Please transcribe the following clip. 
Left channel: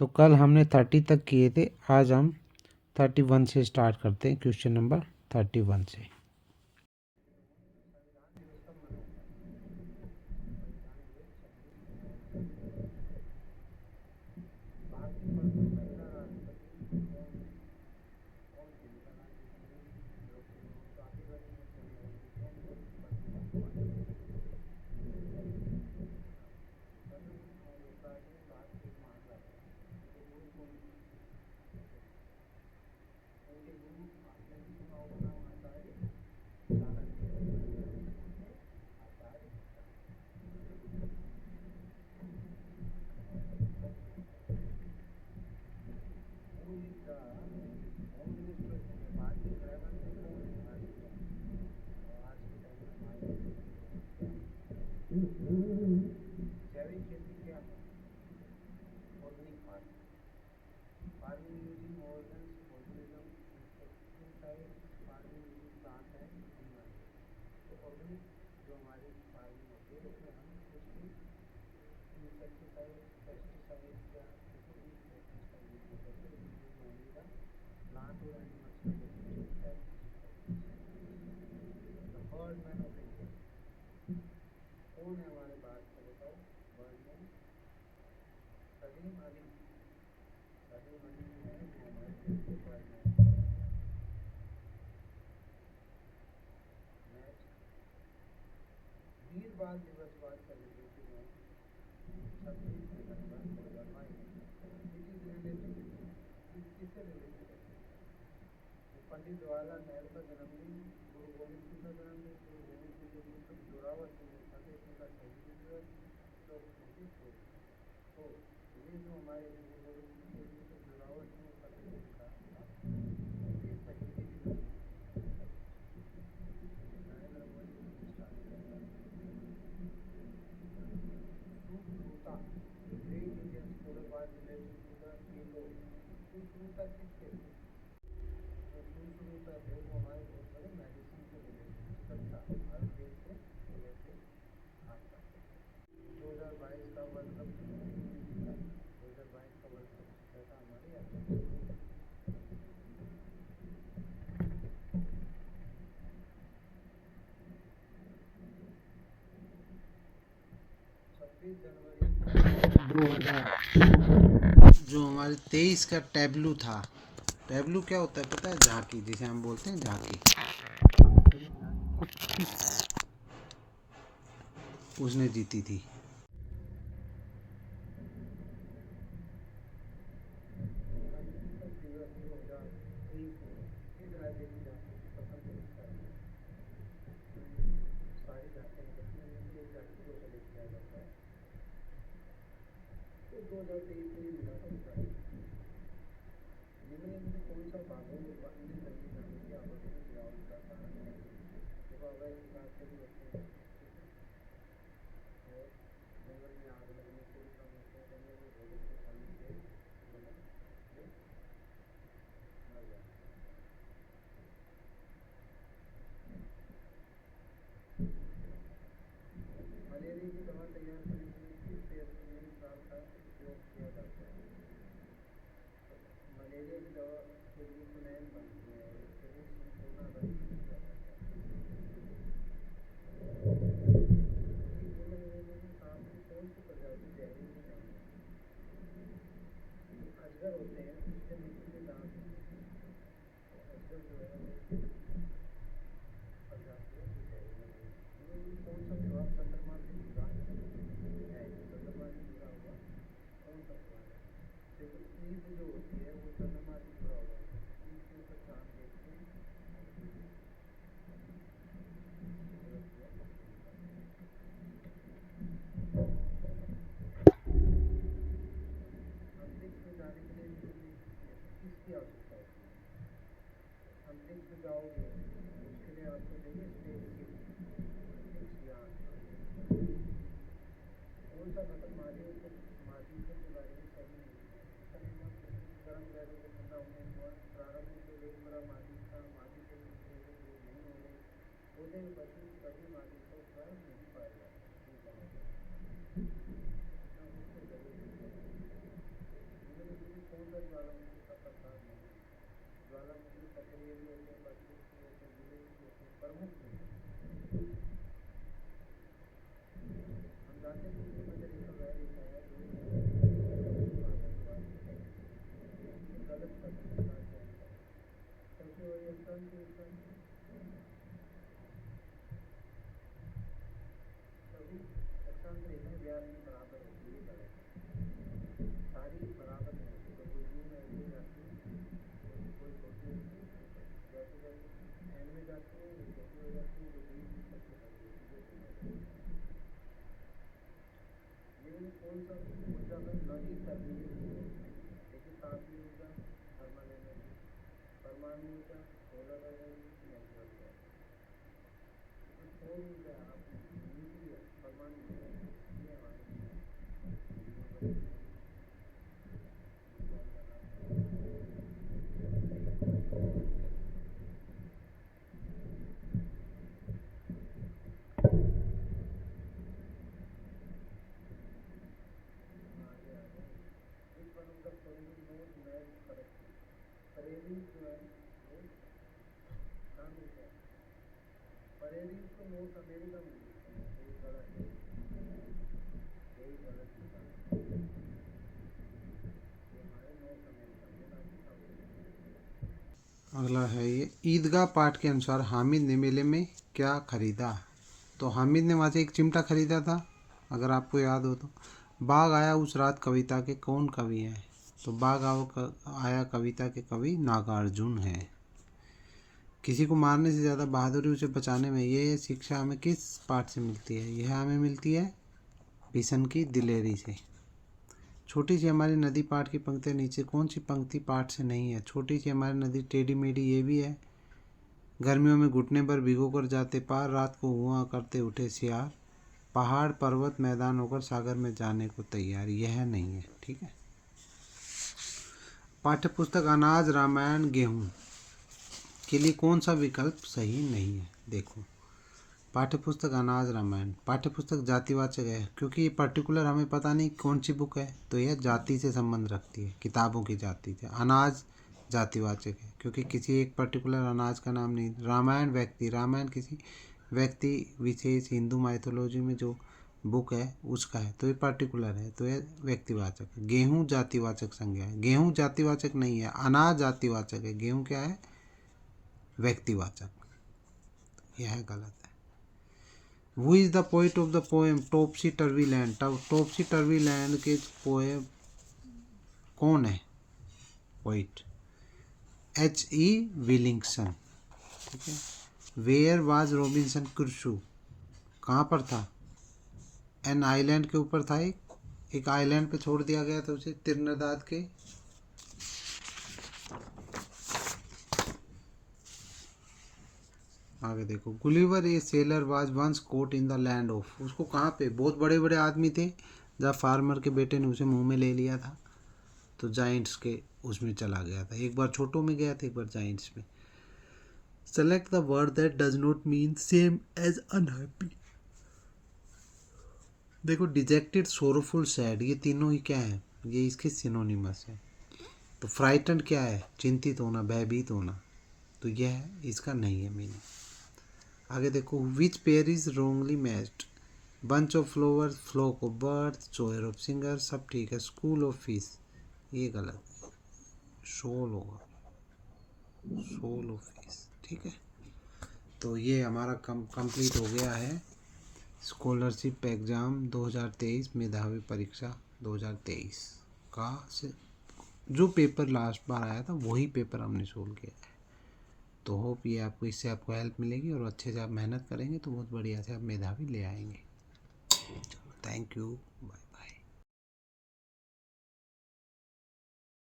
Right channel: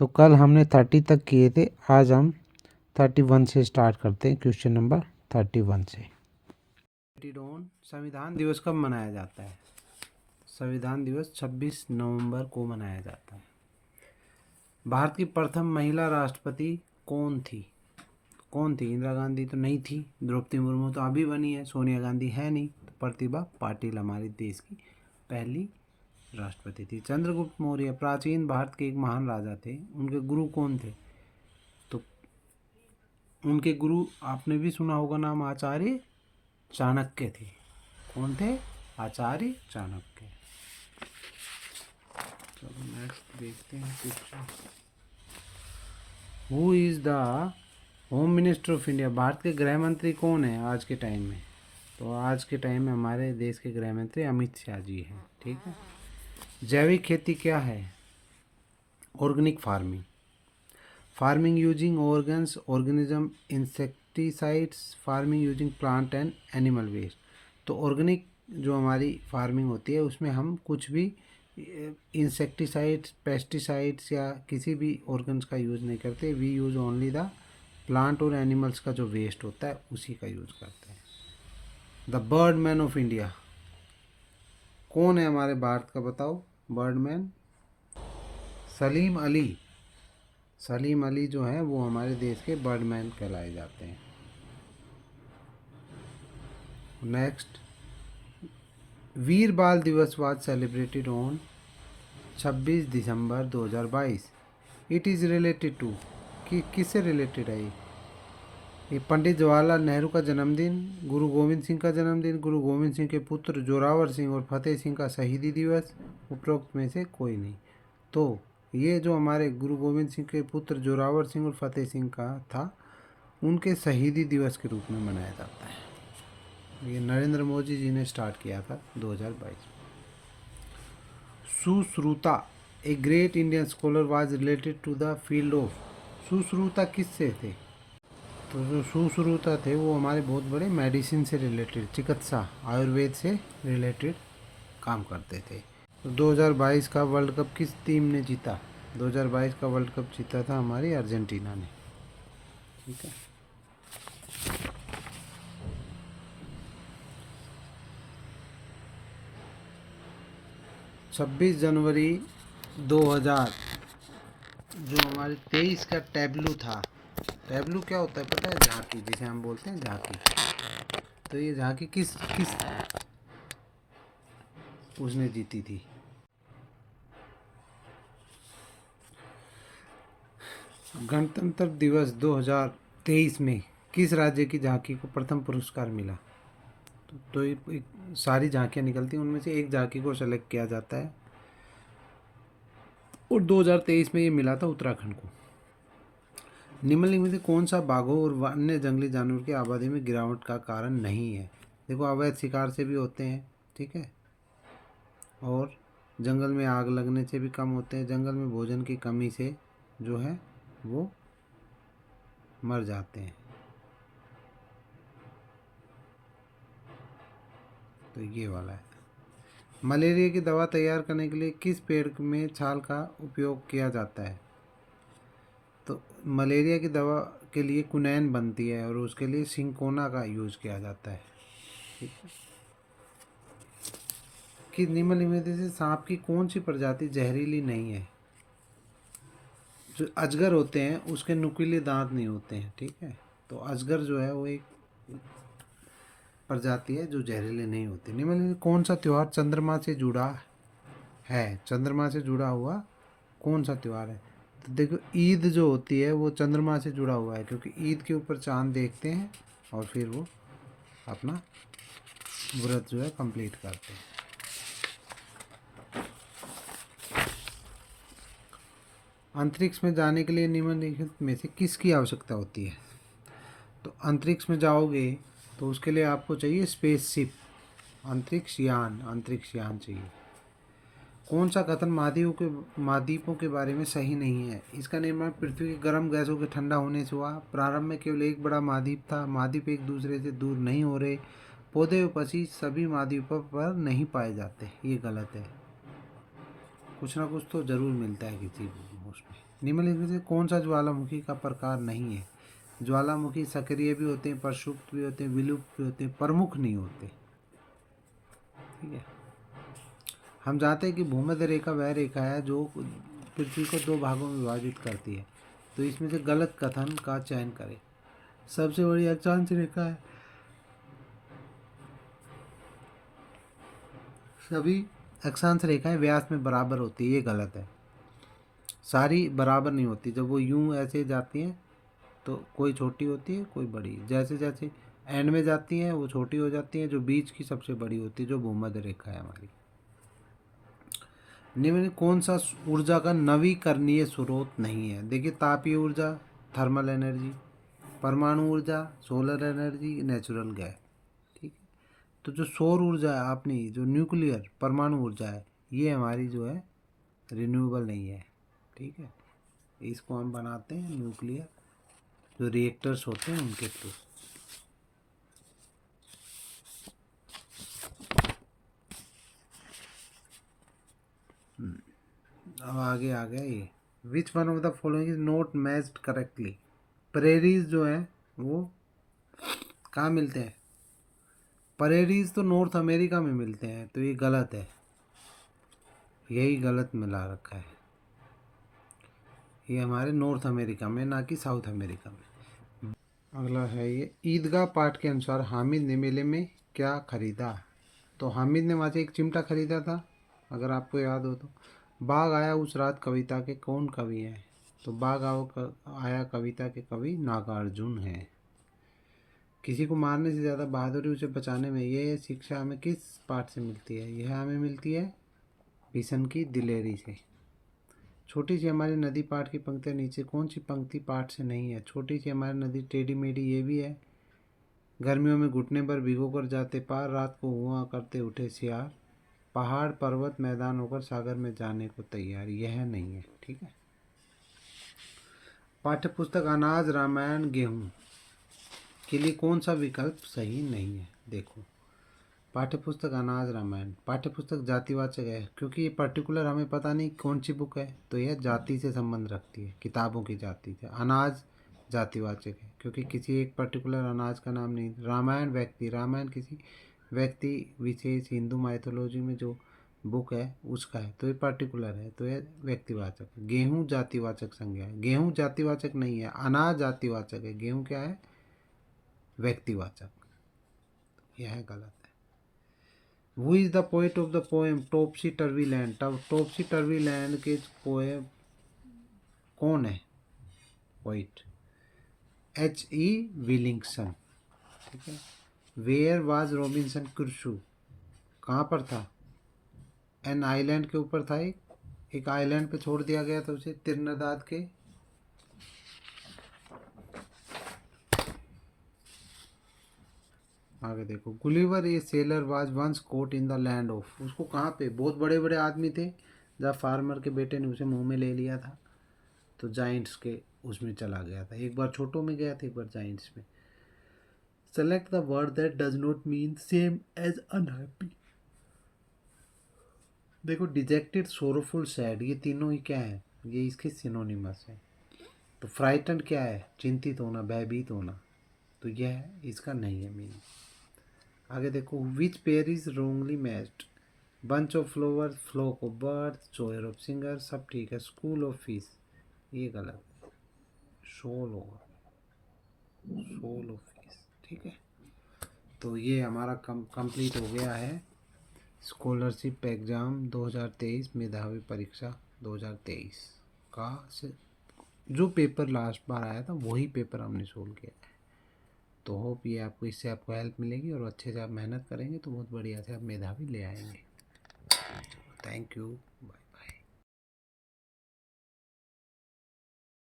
तो कल हमने 30 तक किए थे, आज हम 31 से स्टार्ट करते हैं, क्वेश्चन नंबर 31 से। संविधान दिवस कब मनाया जाता है? संविधान दिवस 26 नवंबर को मनाया जाता है। भारत की प्रथम महिला राष्ट्रपति कौन थी? इंदिरा गांधी तो नहीं थी, द्रौपदी मुर्मू तो अभी बनी है, सोनिया गांधी है नहीं, तो प्रतिभा पाटिल हमारे देश की पहली राष्ट्रपति थी। चंद्रगुप्त मौर्य प्राचीन भारत के एक महान राजा थे। उनके गुरु कौन थे? तो उनके गुरु आपने भी सुना होगा नाम, आचार्य चाणक्य थे। कौन थे? आचार्य चाणक्य। चलो नेक्स्ट देखते हैं question. Who is the home minister of India? Bharat के गृह मंत्री कौन है आज के टाइम में? तो आज के टाइम में हमारे देश के गृह मंत्री अमित शाह जी हैं। ठीक है। जैविक खेती क्या है? Organic farming. Farming using organs, organism, insecticides, farming using plant and animal waste. तो ऑर्गेनिक जो हमारी फार्मिंग होती है उसमें हम कुछ भी इंसेक्टिसाइड्स, पेस्टिसाइड्स या किसी भी ऑर्गन्स का यूज़ नहीं करते। We use only the plant और एनिमल्स का जो वेस्ट होता है उसी का यूज़ करते हैं। द बर्डमैन ऑफ इंडिया कौन है हमारे भारत का? बताओ बर्डमैन। सलीम अली। सलीम अली जो है वो हमारे देश के बर्डमैन कहलाए जाते हैं। Next, Veer Bal Divas was celebrated on 26 December 2022। It is related to, कि किससे रिलेटेड है ये पंडित जवाहरलाल नेहरू का जन्मदिन, गुरु गोविंद सिंह का जन्मदिन, गुरु गोविंद सिंह के पुत्र जोरावर सिंह और फतेह सिंह का शहीदी दिवस, उपरोक्त में से कोई नहीं। तो ये जो हमारे गुरु गोविंद सिंह के पुत्र जोरावर सिंह और फतेह सिंह का था, उनके शहीदी दिवस के रूप में मनाया जाता है। ये नरेंद्र मोदी जी ने स्टार्ट किया था 2022। Sushruta a great Indian scholar was related to the field of. Sushruta किससे थे? तो जो सुश्रुता थे वो हमारे बहुत बड़े मेडिसिन से रिलेटेड, चिकित्सा, आयुर्वेद से रिलेटेड काम करते थे। तो 2022 का वर्ल्ड कप किस टीम ने जीता? 2022 का वर्ल्ड कप जीता था हमारी अर्जेंटीना ने। ठीक है। 26 जनवरी 2000 जो हमारे 23 का टैब्लू था। टैब्लू क्या होता है पता है? झांकी, जिसे हम बोलते हैं झांकी। तो ये झांकी किस उसने जीती थी? गणतंत्र दिवस 2023 में किस राज्य की झांकी को प्रथम पुरस्कार मिला? तो एक सारी झांकियाँ निकलती हैं, उनमें से एक झांकी को सेलेक्ट किया जाता है और 2023 में ये मिला था उत्तराखंड को। निम्नलिखित में से कौन सा बाघों और अन्य जंगली जानवर की आबादी में गिरावट का कारण नहीं है? देखो, अवैध शिकार से भी होते हैं, ठीक है, और जंगल में आग लगने से भी कम होते हैं, जंगल में भोजन की कमी से जो है वो मर जाते हैं। तो ये वाला है। मलेरिया की दवा तैयार करने के लिए किस पेड़ में छाल का उपयोग किया जाता है? तो मलेरिया की दवा के लिए क्विनैन बनती है और उसके लिए सिंकोना का यूज़ किया जाता है। कि निम्नलिखित में से सांप की कौन सी प्रजाति जहरीली नहीं है? जो अजगर होते हैं उसके नुकीले दांत नहीं होते हैं, ठीक है। तो अजगर जो है वो एक प्रजाति है जो जहरीले नहीं होते। निम्नलिखित कौन सा त्यौहार चंद्रमा से जुड़ा है? चंद्रमा से जुड़ा हुआ कौन सा त्यौहार है? तो देखो, ईद जो होती है वो चंद्रमा से जुड़ा हुआ है, क्योंकि ईद के ऊपर चांद देखते हैं और फिर वो अपना व्रत जो है कंप्लीट करते हैं। अंतरिक्ष में जाने के लिए निम्नलिखित में से किसकी आवश्यकता होती है? तो अंतरिक्ष में जाओगे तो उसके लिए आपको चाहिए स्पेसशिप, अंतरिक्ष यान चाहिए। कौन सा कथन महाद्वीपों के बारे में सही नहीं है? इसका निर्माण पृथ्वी के गर्म गैसों के ठंडा होने से हुआ। प्रारंभ में केवल एक बड़ा महाद्वीप था। महाद्वीप एक दूसरे से दूर नहीं हो रहे। पौधे व पक्षी सभी महाद्वीपों पर नहीं पाए जाते। ये गलत है। कुछ ना कुछ तो जरूर मिलता है किसी उसमें। निम्नलिखित में से कौन सा ज्वालामुखी का प्रकार नहीं है? ज्वालामुखी सक्रिय भी होते हैं, प्रक्षुब्ध भी होते हैं, विलुप्त भी होते हैं, प्रमुख नहीं होते। ठीक है। हम जानते हैं कि भूमध्य रेखा वह रेखा है जो पृथ्वी को 2 भागों में विभाजित करती है। तो इसमें से गलत कथन का चयन करें। सबसे बड़ी अक्षांश रेखा है। सभी अक्षांश रेखाएं व्यास में बराबर होती है, ये गलत है। सारी बराबर नहीं होती। जब वो यूं ऐसे जाती हैं तो कोई छोटी होती है, कोई बड़ी। जैसे जैसे एंड में जाती हैं वो छोटी हो जाती हैं, जो बीच की सबसे बड़ी होती है, जो भूमध्य रेखा है हमारी। निम्न में कौन सा ऊर्जा का नवीकरणीय स्रोत नहीं है? देखिए, तापीय ऊर्जा, थर्मल एनर्जी, परमाणु ऊर्जा, सोलर एनर्जी, नेचुरल गैस। ठीक। तो जो सौर ऊर्जा है अपनी, जो न्यूक्लियर परमाणु ऊर्जा है, ये हमारी जो है रिन्यूएबल नहीं है। ठीक है। इसको हम बनाते हैं न्यूक्लियर जो रिएक्टर्स होते हैं उनके थ्रू। अब आगे आ गया ये, which one of the following is not matched correctly? Prairies जो है वो कहाँ मिलते हैं? प्रेरीज तो नॉर्थ अमेरिका में मिलते हैं, तो ये गलत है। यही गलत मिला रखा है। ये हमारे नॉर्थ अमेरिका में, ना कि साउथ अमेरिका में। अगला है ये, ईदगाह पाठ के अनुसार हामिद ने मेले में क्या खरीदा? तो हामिद ने वहाँ से एक चिमटा खरीदा था, अगर आपको याद हो तो। बाघ आया उस रात कविता के कौन कवि हैं? तो बाघ आया कविता के कवि नागार्जुन हैं। किसी को मारने से ज़्यादा बहादुरी उसे बचाने में, ये शिक्षा हमें किस पाठ से मिलती है? यह हमें मिलती है भीषण की दिलेरी से। छोटी सी हमारी नदी पाठ की पंक्तियाँ नीचे कौन सी पंक्ति पाठ से नहीं है? छोटी सी हमारी नदी टेढ़ी मेढ़ी, ये भी है। गर्मियों में घुटने पर भिगो कर जाते पार, रात को हुआ करते उठे सियार, पहाड़ पर्वत मैदान होकर सागर में जाने को तैयार, यह नहीं है। ठीक है। पाठ्यपुस्तक अनाज रामायण गेहूँ के लिए कौन सा विकल्प सही नहीं है? देखो, पाठ्यपुस्तक अनाज रामायण, पाठ्यपुस्तक जातिवाचक है क्योंकि ये पर्टिकुलर हमें पता नहीं कौन सी बुक है, तो यह जाति से संबंध रखती है, किताबों की जाति से। अनाज जातिवाचक है क्योंकि किसी एक पर्टिकुलर अनाज का नाम नहीं। रामायण व्यक्ति, रामायण किसी व्यक्ति विशेष हिंदू माइथोलॉजी में जो बुक है उसका है, तो ये पर्टिकुलर है, तो यह व्यक्तिवाचक है। गेहूँ जातिवाचक संज्ञा है, गेहूँ जातिवाचक नहीं है, अनाज जातिवाचक है, गेहूँ क्या है? व्यक्तिवाचक। यह गलत है। Who is the poet of the poem topsy turvy land? Topsy turvy land के पोएम कौन है पोइट? H.E. विलिंगसन। ठीक है। Where was Robinson Crusoe? कहाँ पर था? एन आइलैंड के ऊपर था, एक आइलैंड पे छोड़ दिया गया था उसे त्रिनिदाद के। आगे देखो, Gulliver a sailor was once caught in the land of, उसको कहाँ पे? बहुत बड़े बड़े आदमी थे, जब फार्मर के बेटे ने उसे मुंह में ले लिया था, तो जाइंट्स के उसमें चला गया था। एक बार छोटों में गया था, एक बार जाइंट्स में। Select the word that does not mean same as unhappy. देखो, डिजेक्टेड, सोरोफुल, सैड, ये तीनों ही क्या है? ये इसके सिनोनिमस है। तो फ्राइटन क्या है? चिंतित होना, भयभीत होना, तो यह इसका नहीं है मीनिंग। आगे देखो, which pair is wrongly matched? Bunch of flowers, flock of birds, choir of singer, सब ठीक है। स्कूल ऑफ फिश, ये गलत है, शोल होगा, सोल ऑफ फिश। ठीक है। तो ये हमारा कंप्लीट हो गया है स्कॉलरशिप एग्ज़ाम 2023, मेधावी परीक्षा 2023 का जो पेपर लास्ट बार आया था वही पेपर हमने सोल्व किया है। तो होप ये आपको, इससे आपको हेल्प मिलेगी और अच्छे से आप मेहनत करेंगे तो बहुत बढ़िया से आप मेधावी ले आएंगे। Thank you, bye.